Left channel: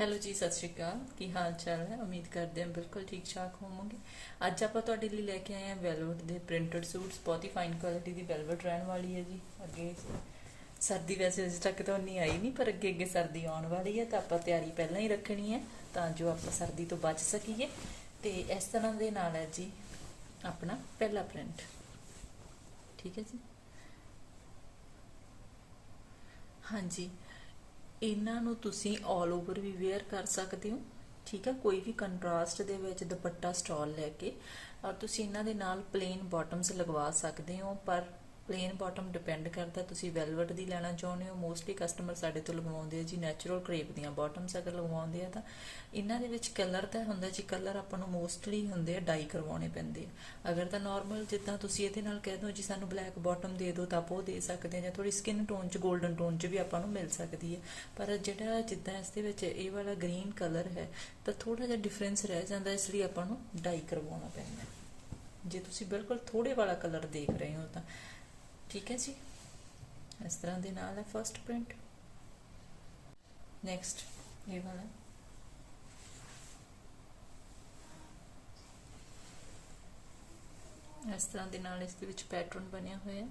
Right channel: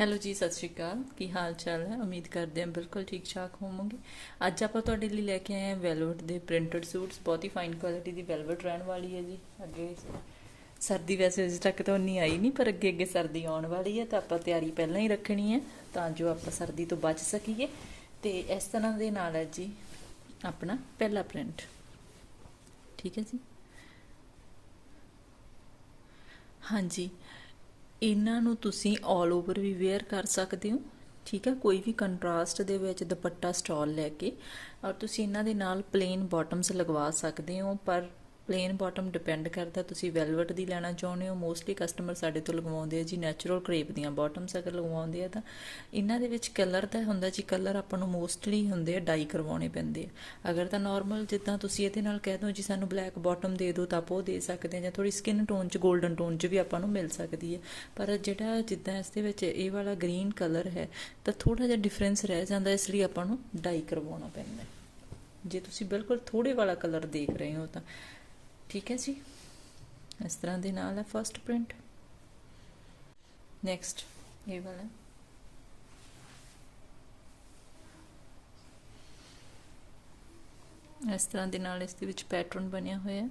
Hello ਜੀ, ਸਤਿ ਸ਼੍ਰੀ ਅਕਾਲ। ਕੀ ਹਾਲ ਚਾਲ ਹੈ? ਉਮੀਦ ਕਰਦੇ ਹਾਂ ਬਿਲਕੁਲ ਠੀਕ ਠਾਕ ਹੋਵੋਗੇ। ਅੱਜ ਆਪਾਂ ਤੁਹਾਡੇ ਲਈ ਲੈ ਕੇ ਆਏ ਹਾਂ ਵੈਲਵਟ ਦੇ ਪ੍ਰਿੰਟਡ ਸੂਟਸ ਬਹੁਤ ਹੀ ਫਾਈਨ ਕੁਆਲਿਟੀ ਦੀ ਵੈਲਵਟ ਰਹਿਣ ਵਾਲੀ ਹੈ ਜੀ। ਅੱਗੇ ਸਰਦੀ ਵੈਸੇ ਅਜੇ ਤੱਕ ਤਾਂ ਨਹੀਂ ਆਈ ਨਹੀਂ, ਪਰ ਅੱਗੇ ਅੱਗੇ ਸਰਦੀ ਆਉਣ ਵਾਲੀ ਹੈ, ਤਾਂ ਆਪਾਂ ਤਿਆਰੀ ਪਹਿਲਾਂ ਹੀ ਰੱਖਣੀ ਹੈ, ਤਾਂ ਜੋ ਆਪਾਂ ਸਰਦੀ ਤੋਂ ਬਚ ਸਕੀਏ। ਤੇ ਇਸ ਤਰ੍ਹਾਂ ਦੇ ਨਾਲ ਹੈ ਜੀ, ਆਪਣਾ ਪਹਿਲਾ ਪ੍ਰਿੰਟ ਠੀਕ ਹੈ ਜੀ? ਹਾਂਜੀ। ਇਹਨਾਂ ਨੂੰ ਤੁਸੀਂ 올 ਓਵਰ ਵੀ ਵੇਅਰ ਕਰ ਸਕਦੇ ਹੋ। ਠੀਕ ਹੈ, ਕੋਈ ਵੀ ਕੰਟਰਾਸਟ ਦੇ ਵਿੱਚ ਦੁਪੱਟਾ ਸਟਾਲ ਲੈ ਕੇ ਔਰ ਤੁਸੀਂ ਇਹਨਾਂ ਦੇ ਨਾਲ ਪਲੇਨ ਬਾਟਮਸ ਲਗਵਾ ਸਕਦੇ ਹੋ, ਪਰ ਪਲੇਨ ਬਾਟਮ ਡਿਪੈਂਡ ਕਰਦਾ, ਤੁਸੀਂ ਵੈਲਵਟ ਦੀ ਲੈਣਾ ਚਾਹੁੰਦੇ ਹੋ ਮੋਸਟਲੀ ਕਸਟਮਰ ਸਾਡੇ ਤੋਂ ਲਗਵਾਉਂਦੇ ਆ ਜੀ ਨੈਚੁਰਲ ਕ੍ਰੇਪ ਦੀਆਂ ਬਾਟਮਸ ਅਗਰ ਲਗਵਾਉਂਦੇ ਆ ਤਾਂ। ਇਹਨਾਂ ਦੇ ਵਿੱਚ ਕਲਰ ਤਾਂ ਹੁੰਦਾ ਜੀ ਕਲਰ ਆਪਾਂ ਨੂੰ ਮੋਸਟਲੀ ਹੁੰਦੇ ਆ ਡਾਈ ਕਰਵਾਉਣੇ ਪੈਂਦੇ ਆ। ਅਗਰ ਤਾਂ ਨਾਰਮਲ ਜਿੱਦਾਂ ਤੁਸੀਂ ਇਹਦੇ ਨਾਲ ਕਹਿ ਦੋ ਜੀ, ਸਾਨੂੰ ਬਲੈਕ ਬਾਟਮ ਦੇ ਦਿਓ, ਤਾਂ ਆਪਾਂ ਉਹ ਦੇ ਸਕਦੇ ਆ, ਜਾਂ ਥੋੜੀ ਸਕਿਨ ਟੋਨ ਚ 골ਡਨ ਟੋਨ ਚ ਵੀ ਆਪਾਂ ਨੂੰ ਮਿਲ ਸਕਦੀ ਹੈ ਪਰ ਜਿਹੜਾ ਜਿੱਦਾਂ ਇਸ ਦੇ ਵਿੱਚ ਇਹ ਵਾਲਾ ਗ੍ਰੀਨ ਕਲਰ ਹੈ, ਤਾਂ ਥੋੜਾ ਜਿਹਾ ਡਿਫਰੈਂਸ ਰਹਿ ਜਾਂਦਾ, ਇਸ ਲਈ ਆਪਾਂ ਨੂੰ ਡਾਈ ਕਰਵਾਉਣਾ ਪੈਂਦਾ। ਜੇ ਤੁਸੀਂ ਬਿਲਕੁਲ ਥੋੜੇ ਵਾਲਾ ਕਲਰ ਦੇਖ ਰਹੇ ਹੋ ਤਾਂ। ਠੀਕ ਹੈ ਜੀ? ਇਸ ਤਰ੍ਹਾਂ ਦੇ ਨਾਲ ਹੈ ਫਰਸਟ ਪ੍ਰਿੰਟ ਨੈਕਸਟ ਇਹ ਵਾਲਾ ਇਸ ਤਰ੍ਹਾਂ ਦੇ ਨਾਲ ਇਸ ਦੇ ਵਿੱਚ ਪੈਟਰਨ ਬਣਿਆ ਹੋਇਆ ਹੈ।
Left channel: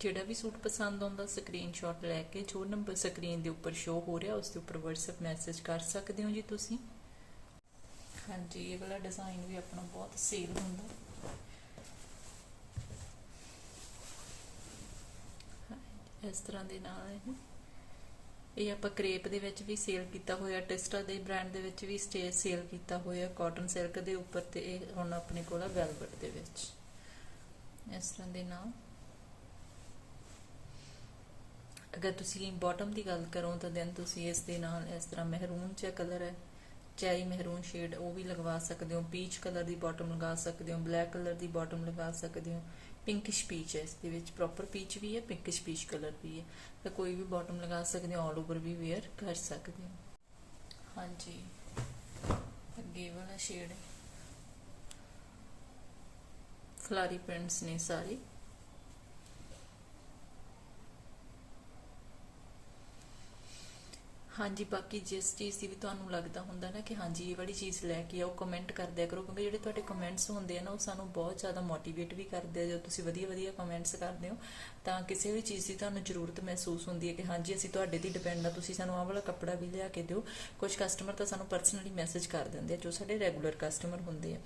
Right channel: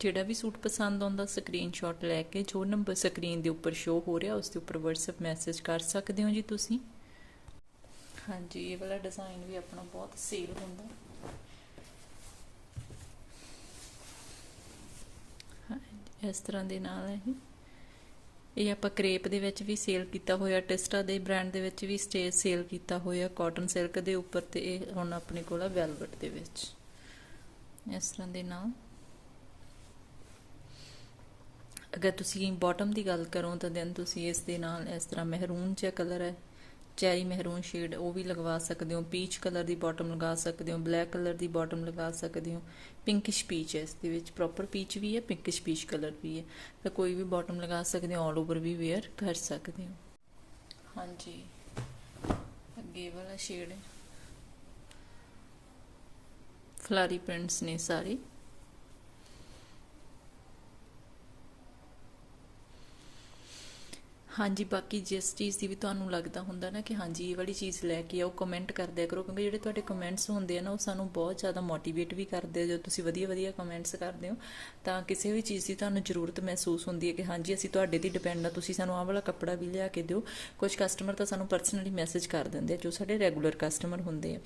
ਜਿਹੜਾ ਵੀ ਸੂਟ ਪਸੰਦ ਆਉਂਦਾ ਸਕਰੀਨਸ਼ਾਟ ਲੈ ਕੇ ਜੋ ਨੰਬਰ ਸਕਰੀਨ ਦੇ ਉੱਪਰ ਸ਼ੋ ਹੋ ਰਿਹਾ, ਉਸ ਦੇ ਉੱਪਰ WhatsApp ਮੈਸੇਜ ਕਰ ਸਕਦੇ ਹੋ ਜੀ ਤੁਸੀਂ? ਹਾਂਜੀ, ਇਹ ਵਾਲਾ ਡਿਜ਼ਾਈਨ ਵੀ ਆਪਣਾ ਬਹੁਤ ਸੇਲ ਹੁੰਦਾ। ਇਸ ਤਰ੍ਹਾਂ ਦੇ ਨਾਲ ਹੈ ਇਹ ਆਪਾਂ ਕ੍ਰੇਪ ਦੇ ਵਿੱਚ ਵੀ ਸੇਲ ਕੀਤਾ ਹੋਇਆ, ਟਿਸਟਾ ਦੇ ਬ੍ਰਾਂਡ ਦੇ ਵਿੱਚ ਵੀ ਸਟੇਜ ਸੇਲ ਕੀਤਾ ਹੋਇਆ ਕਾਟਨ ਸਿਲਕ ਦੇ ਉੱਪਰ ਤੇ ਇਹ ਹੁਣ ਆਪਣੇ ਕੋਲ ਹੈ ਵੈਲਵਟ ਦੇ ਵਿੱਚ। ਇਸ ਤਰ੍ਹਾਂ ਦੇ ਨਾਲ। ਅਗਰ ਤੁਸੀਂ ਬਾਟਮ ਦੀ ਗੱਲ ਕਰੋ ਤਾਂ ਦੈਨ ਤੁਸੀਂ ਇਸ ਦੇ ਨਾਲ ਇਸ ਤਰ੍ਹਾਂ ਮਹਿਰੂਨ ਜਿਹਾ ਕਲਰ ਹੈ। ਚੈਰੀ ਮਹਿਰੂਨ ਸ਼ੇਡ, ਉਹ ਵੀ ਲਗਵਾ ਸਕਦੇ ਹੋ। ਪੀਚ ਕਲਰ ਦੀ ਬਾਟਮ ਲਗਾ ਸਕਦੇ ਹੋ ਬਲੈਕ ਕਲਰ ਦੀ ਬਾਟਮ ਲਗਾ ਸਕਦੇ ਹੋ। ਪਿੰਕਿਸ਼ ਪੀਚ ਹੈ, ਇਸ ਦੇ ਵਿੱਚ ਪ੍ਰੋਪਰ ਪੀਚ ਵੀ ਹੈ ਪਿੰਕਿਸ਼ ਪੀਚ ਕਲਰ ਵੀ ਹੈ। ਤਾਂ ਕੋਈ ਵੀ ਬਾਟਮ ਲਗਾ ਸਕਦੇ ਹੋ ਆਲ ਓਵਰ ਵੀ ਵੇਅਰ ਕਰ ਸਕਦੇ ਹੋ। ਹਾਂਜੀ। ਅੱਗੇ ਵਾਲਾ ਸ਼ੇਡ ਫਲਾਰੀ ਪ੍ਰਿੰਟਸ ਨੇ ਸਾਰੇ। ਹਾਂਜੀ, ਬਾਕੀ ਜਿਸ ਚੀਜ਼ ਦੀ ਵੀ ਤੁਹਾਨੂੰ ਲੱਗਦਾ ਹੁੰਦਾ ਨਾ ਕਿ ਹਾਂਜੀ, ਇਹ ਵਾਲੀ ਚੀਜ਼ ਲੈ ਕੇ ਆਓ ਕਮੈਂਟ ਕਰਦਿਆ ਕਰੋ, ਕਿਉਂਕਿ ਜਿਹੜੇ ਤੁਹਾਡੇ ਕਮੈਂਟਸ ਹੁੰਦੇ ਆ ਨਾ, ਉਹ ਸਾਨੂੰ ਬਹੁਤ ਜ਼ਿਆਦਾ ਮੋਟੀਵੇਟ ਵੀ ਕਰਦੇ ਆ ਜਦੋਂ ਤੁਸੀਂ ਵਧੀਆ ਵਧੀਆ ਕਮੈਂਟਸ ਕਰਦੇ ਹੋ, ਤਾਂ ਕਿਸੇ ਵੀ ਚੀਜ਼ ਦੀ ਤੁਹਾਨੂੰ ਜ਼ਰੂਰਤ ਮਹਿਸੂਸ ਹੁੰਦੀ ਹੈ ਕਿ ਹਾਂਜੀ, ਅਸੀਂ ਤੁਹਾਡੇ ਤੇ ਡਿਪੈਂਡ ਆ, ਤੁਸੀਂ ਸਾਨੂੰ ਆਹ ਵਾਲਾ ਕੱਪੜਾ ਵੀ ਲਿਆ ਕੇ ਦਿਓ। ਕੁਝ ਕਸਟਮਰ ਤਾਂ ਸਾਨੂੰ ਪਰਸਨਲੀ ਮੈਸੇਜ ਕਰ ਦਿੰਦੇ ਆ, ਜੋ ਸਾਡੇ ਰੈਗੂਲਰ ਕਸਟਮਰ ਹੁੰਦੇ ਆ।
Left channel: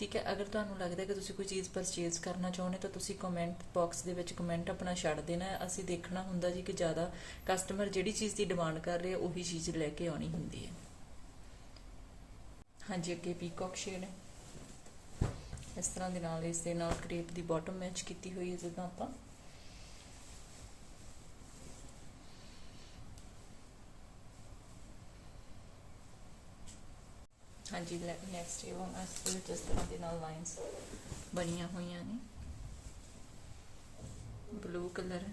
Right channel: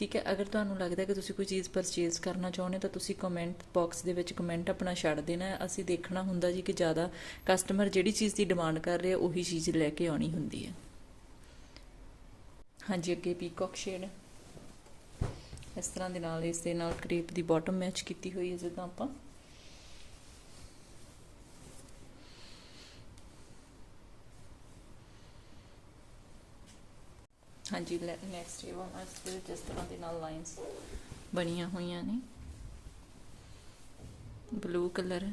ਠੀਕ ਹੈ, ਅਗਰ ਤੁਹਾਨੂੰ ਲੱਗਦਾ ਕਿ ਤੁਸੀਂ ਕੋਈ ਚੀਜ਼ ਪਰਚੇਸ ਕਰਨਾ ਚਾਹੁੰਦੇ ਤਾਂ ਤੁਸੀਂ ਕਮੈਂਟ ਬਾਕਸ ਦੇ ਵਿੱਚ ਕਮੈਂਟ ਆਪਣਾ ਛੱਡ ਦੇਣਾ ਅਸੀਂ ਦੇਖਣਾ ਹੁੰਦਾ ਜੀ ਕਿ ਜ਼ਿਆਦਾ ਕਸਟਮਰ ਜਿਹੜੀ ਚੀਜ਼ ਦੀ ਡਿਮਾਂਡ ਕਰ ਰਹੇ ਉਹੀ ਚੀਜ਼ ਲੈ ਕੇ ਆਉਣੀ ਹੁੰਦੀ ਹੈ। ਹਾਂਜੀ, ਅੱਗੇ ਪੀਕੌਕ ਸ਼ੇਡ ਇਸ ਤਰ੍ਹਾਂ ਦੇ ਨਾਲ, ਇਸ ਦੇ ਨਾਲ ਕ੍ਰੇਪ ਦੀ ਬਾਟਮ ਮੈਚ ਕੀਤੀ ਹੋਈ ਹੈ, ਜਿੱਦਾਂ ਆਪਾਂ। ਹਾਂਜੀ ਬਲੈਕ ਨੈਕਸਟ ਇਹ ਵਨ ਇਸ ਦੇ ਜਿਸ ਤਰ੍ਹਾਂ ਦੇ ਨਾਲ ਲਾਈਨਸ ਬਣੀਆਂ ਹੋਈਆਂ ਨੇ। ਬਲੂ ਕਲਰ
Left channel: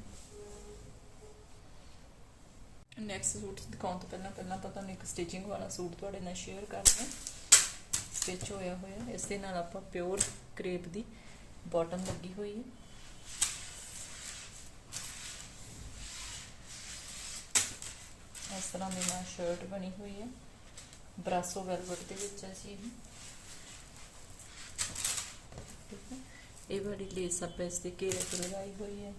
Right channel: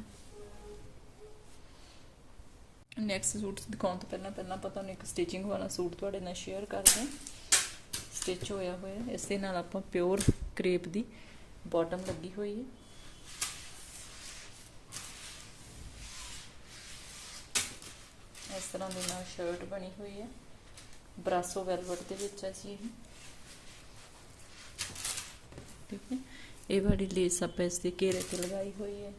ਨੈਕਸਟ ਸੂਟ ਦਿਖਾਉਣ ਤੋਂ ਪਹਿਲਾਂ ਪਹਿਲਾਂ ਆਪਾਂ ਤੁਹਾਨੂੰ ਇੱਕ ਸਟਿਚਿੰਗ ਵਾਲਾ ਸੂਟ ਤੁਹਾਡੇ ਨਾਲ ਸ਼ੇਅਰ ਕਰਦੇ ਹਾਂ। ਸਟਿਚ ਹੋਇਆ ਹੋਇਆ, ਇਸ ਦੇ ਨਾਲ ਆਪਾਂ ਪਿਓਰ ਕ੍ਰੇਪ ਦੀ ਬਾਟਮ ਲੱਗੀ ਹੋਈ ਹੈ। ਇਸ ਤਰ੍ਹਾਂ ਦੀ ਨਾਲ ਸ਼ਰਟ ਬਣੀ ਹੋਈ ਹੈ। ਬਰਾਸੋ ਵੈਲਵਟ ਦੇ ਵਿੱਚ ਹੈ ਜੀ ਠੀਕ ਹੈ ਇਹ ਵਾਲੀ ਲੇਸ ਆਪਾਂ ਇਸ ਦੇ ਘੇਰੇ ਤੇ ਲਗਾਈ ਹੋਈ ਹੈ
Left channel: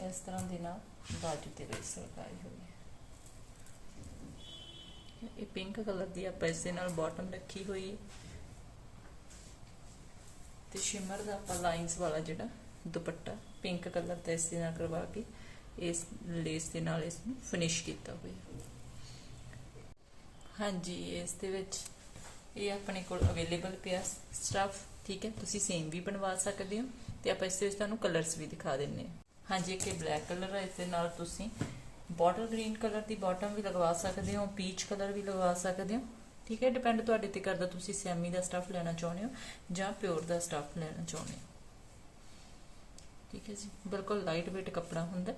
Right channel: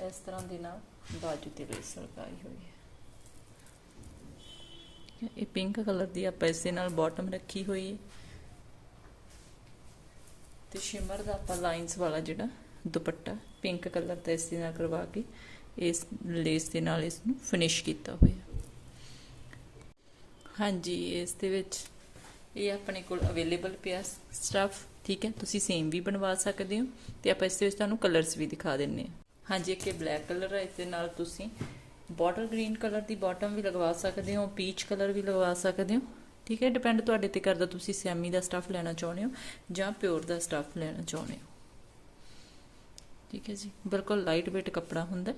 ਇਸ ਤਰ੍ਹਾਂ ਦੇ ਨਾਲ ਬਾਜੂ ਤੇ ਲੇਸ ਲਗਾਈ ਹੋਈ ਹੈ ਇਹ ਪਿੰਕ ਕਲਰ ਦੀ ਆਪਾਂ ਇਸ ਦੇ ਨਾਲ ਬਾਟਮ ਰੱਖੀ ਹੋਈ ਹੈ ਤੇ ਸ਼ਿਮਰ ਦਾ ਆਪਾਂ ਲਾਈਨਸ ਵਾਲਾ ਜਿਹੜਾ ਦੁਪੱਟਾ ਪਿੰਕ ਕਲਰ ਦਾ ਇਸ ਦੇ ਨਾਲ ਕਰਵਾ ਕੇ ਇਸ ਲੇਸ ਦੇ ਨਾਲ ਇਸ ਨੂੰ ਫਿਨਿਸ਼ ਕੀਤਾ ਹੋਇਆ ਹਾਂਜੀ, ਇਸ ਦੇ ਵਿੱਚ ਇਹ ਆਪਣੇ ਕੋਲ ਅਵੇਲੇਬਲ ਪਿਆ ਸਟਫ ਠੀਕ ਹੈ? ਤੁਸੀਂ ਸੇਮ ਵੀ ਬਣਵਾ ਸਕਦੇ ਹੋ ਤੇ ਆਪਾਂ ਇਸ ਦੇ ਵਿੱਚ ਤੁਹਾਨੂੰ ਕਲਰਸ ਵੀ ਦਿਖਾ ਦਿੰਨੇ ਆ ਹਾਂਜੀ, ਇੱਕ ਬਲੈਕ ਕਲਰ ਹੈ ਇਸ ਦੇ ਨਾਲ ਤੁਸੀਂ ਬਾਟਲ ਗ੍ਰੀਨ ਕਲਰ ਦੀ ਬਾਟਮ ਵੀ ਲਗਵਾ ਸਕਦੇ ਹੋ ਪੀਚ ਕਲਰ ਵੀ ਲਗਵਾ ਸਕਦੇ ਹੋ, ਠੀਕ ਹੈ? ਡਿਪੈਂਡ ਤੁਹਾਡੇ ਤੇ ਕਰਦਾ ਤੁਸੀਂ ਸੈਮੀ ਦਾ ਸਟਫ ਲੈਣਾ ਚਾਹੁੰਦੇ ਹੋ ਜਾਂ ਪਿਓਰ ਦਾ ਸਟਫ ਲੈਣਾ ਚਾਹੁੰਦੇ ਹੋ। ਠੀਕ ਹੈ ਜੀ, ਬਿਲਕੁਲ ਲਾਈਟ weight ਕੱਪੜਾ ਹੁੰਦਾ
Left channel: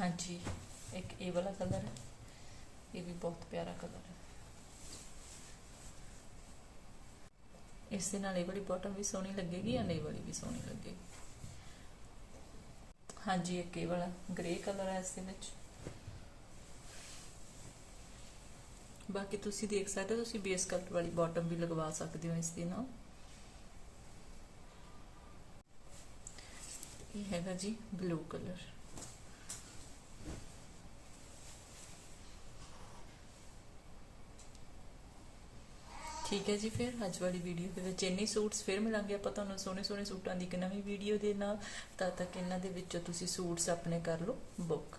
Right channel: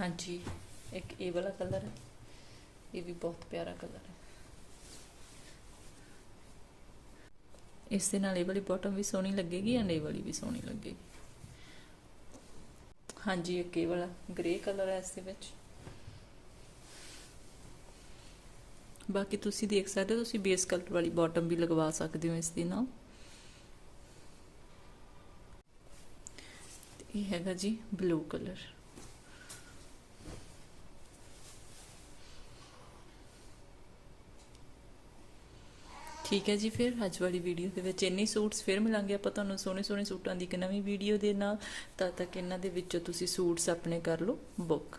ਹਾਂਜੀ। ਇੱਕ ਇਹ ਵਾਲਾ ਕਲਰ ਹੈ। ਇਹ ਵੀ ਬਹੁਤ ਪਿਆਰਾ ਕਲਰ ਹੈ। ਇਸ ਦੇ ਨਾਲ ਇਹ ਵਾਲੀ ਬਾਟਮ ਵੀ ਸੋਹਣੀ ਲੱਗੇਗੀ ਐਂਡ ਇਹ ਵਾਲੀ ਵੀ ਸੋਹਣੀ ਲੱਗੇਗੀ? ਹਾਂਜੀ, ਇੱਕ ਇਹ ਵਾਲਾ ਗ੍ਰੇ ਕਲਰ ਹੈ ਇਸ ਵਿੱਚ। ਬਾਕੀ ਤੁਸੀਂ ਦੇਖ ਸਕਦੇ ਹੋ, ਤੁਸੀਂ ਬੇਸ ਕਲਰ ਵਾਲੀ ਬਾਟਮ ਵੀ ਲਗਵਾ ਸਕਦੇ ਹੋ ਇਸ ਦੇ ਨਾਲ। ਇਹ ਹੈਗਾ ਜੀ ਬਲੂ ਕਲਰ ਠੀਕ ਹੈ ਜੀ, ਫਿਰ ਅੱਜ ਵਾਲੀ ਵੀਡੀਓ ਦੇ ਵਿੱਚ ਇੰਨੇ ਸੂਟਸ ਫਿਰ ਮਿਲਾਂਗੇ ਆਪਾਂ ਤੁਹਾਨੂੰ ਸੋਹਣੇ ਸੋਹਣੇ ਸੂਟਾਂ ਦੀ ਇੱਕ ਨਵੀਂ ਵੀਡੀਓ ਦੇ ਨਾਲ ਤਦ ਤੱਕ ਇਹਨਾਂ ਦੇ ਵਿੱਚੋਂ ਤੁਸੀਂ ਸੂਟਸ ਆਪਣੇ ਕਰ ਲਓ ਬੁੱਕ